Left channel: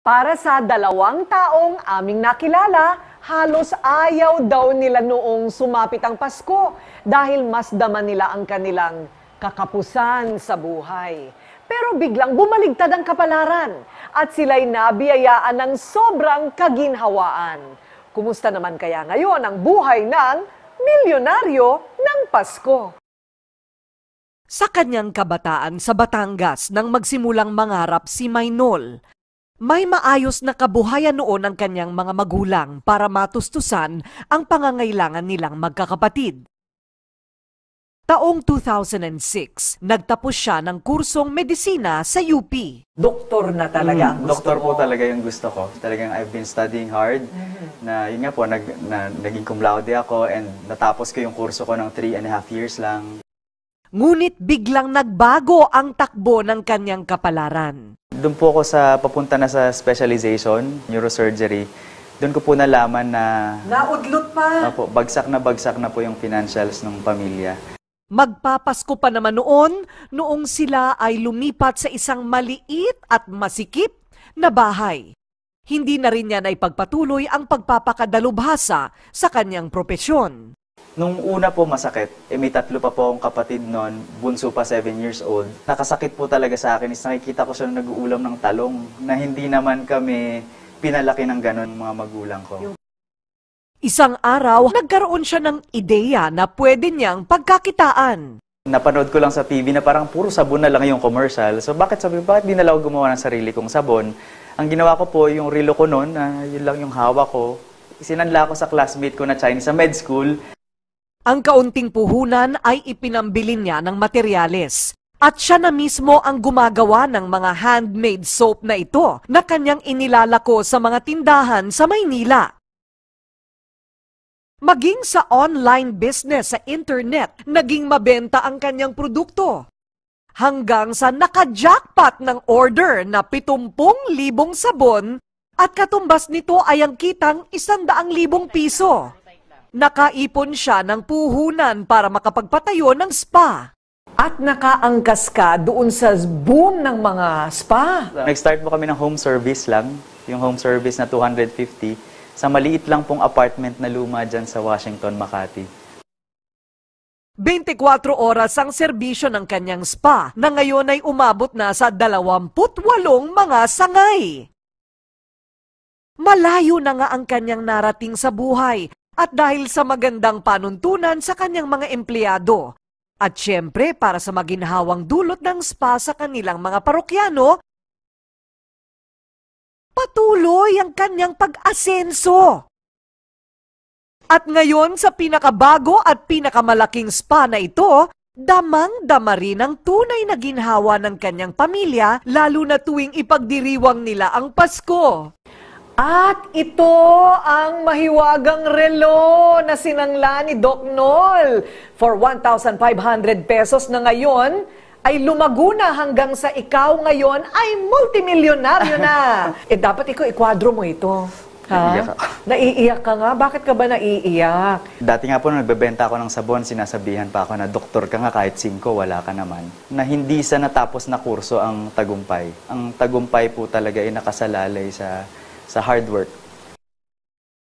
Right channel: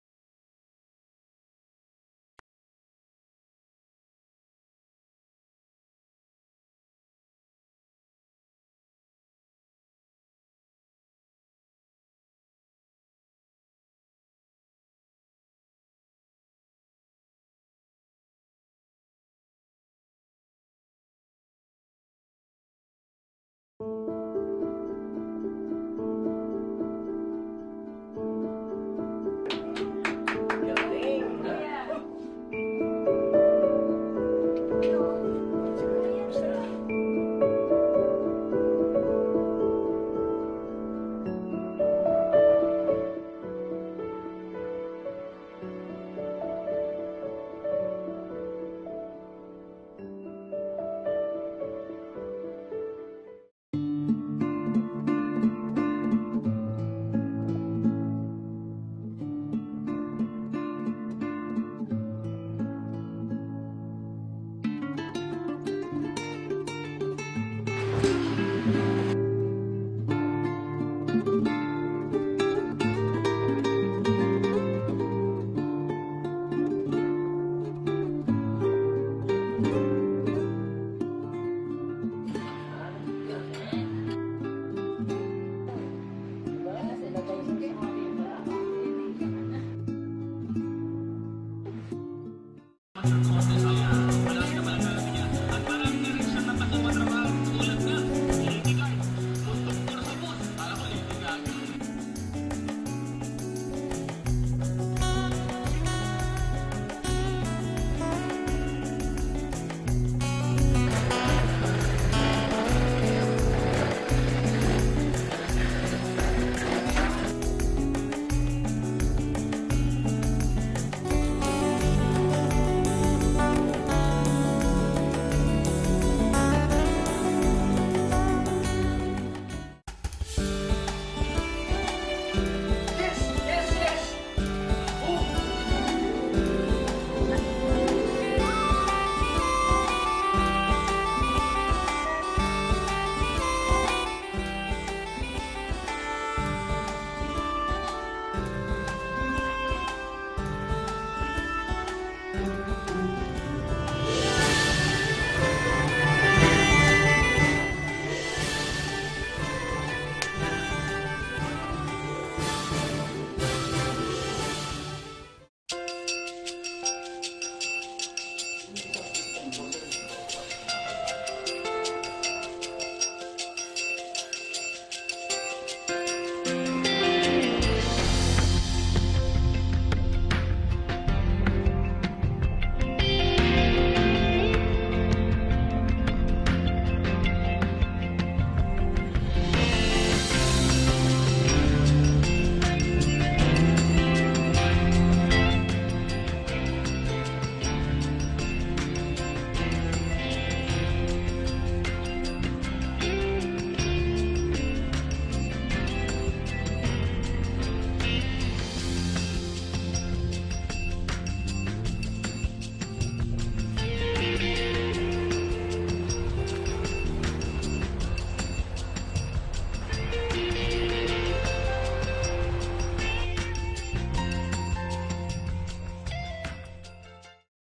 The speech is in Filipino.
Para sa 2 taong aming nakilala, halos ayaw daw nila noong sumapit ang Pasko dahil mas daman nila ang kanilang kakapusan sa buhay. Pero biglang bumaligtad ang kapalaran at sila'y nabiyayaan ng sobrang kaginhawaan. Kumusta naman kaya ngayon ang buhay ng milyonaryo ng Pasko? Sa kanyang kabataan sa Batangas nang magsimulang mangarap si Maynol, may maayos na kabuhayan noon ang kanyang mga magulang para matustusan ang pangangailangan nilang magkakapatid. Taong 2006, nagtapos siya ng kursong medisina sa UP. Doktor na talaga ang gusto Doktor po mo. talaga yung gusto ko. Talagang I've been studying hard. Na yun nga po, naging cum laude ako and natapos ko yung kurso ko ng 3.5 years lang. Ngunit biglang nagbago ang takbo ng kanyang kapalaran. Doon po ako papunta na sa specialization, neurosurgery. Doon ko po nalaman na Naudlot pa. bagsak na po yung financials ng pamilya. Magpapasko pa naman noong sila ay lumipat sa isang maliit at masikip na bahay. Hindi na rin niya naipagpatuloy ang pagpapakadalubhasa sa kanyang propesyon. Nung una po masakit, may 3 pa po akong kapatid noon, bunso pa 7 years old. Nakasakit po talaga sa akin is nakikita ko siya nag-uulam ng talong na hindi naman kami pinalaki ng ganon mga magulang ko. Isang araw, nagkaroon siya ng ideya na pwede niyang pagkakitaan. Napanood ko lang sa TV na parang puro sabon na lang yung commercial. So bakit di na lang ako gumawa ng sarili kong sabon? Ang ginawa ko po yung relo ko noon, na yun lang yung hawak ko. Sinanla ko sa classmate ko na Chinese sa med school. Ang kaunting puhunan ay ipinambili niya ng materyales. At siya na mismo ang gumagawa ng mga handmade soap na ito na kanyang inilalako sa mga tindahan sa Maynila. Maging sa online business sa internet, naging mabenta ang kanyang produkto. Hanggang sa naka-jackpot ng order na 70,000 sabon at katumbas nito ay ang kitang 100,000 piso. Nakaipon siya ng puhunan para makapagpatayo ng spa. At nakaangkas ka doon sa boom ng mga spa. Nag-start po kami ng home service lang. Yung home service na 250 sa maliit lang pong apartment na luma dyan sa Washington, Makati. 24 oras ang serbisyo ng kanyang spa na ngayon ay umabot na sa 28 mga sangay. Malayo na nga ang kanyang narating sa buhay at dahil sa magandang panuntunan sa kanyang mga empleyado. At syempre para sa maginhawang dulot ng spa sa kanilang mga parokyano, patuloy ang kanyang pag-asenso. At ngayon sa pinakabago at pinakamalaking spa na ito, damang-dama rin ang tunay na ginhawa ng kanyang pamilya lalo na tuwing ipagdiriwang nila ang Pasko. At ito ang mahiwagang relo na sinangla ni Doc Nol. For 1,500 pesos na ngayon, ay lumago na hanggang sa ikaw ngayon ay multimilyonaryo na. Dapat ikaw ikwadro mo ito. Ha? Naiiyak ako. Naiiyak ka nga? Bakit ka ba naiiyak? Dati nga po nung nagbebenta ako ng sabon, sinasabihan pa ako na doktor ka nga kahit 5, wala ka naman. Na hindi sa natapos na kurso ang tagumpay. Ang tagumpay po talaga ay nakasalalay sa hard work.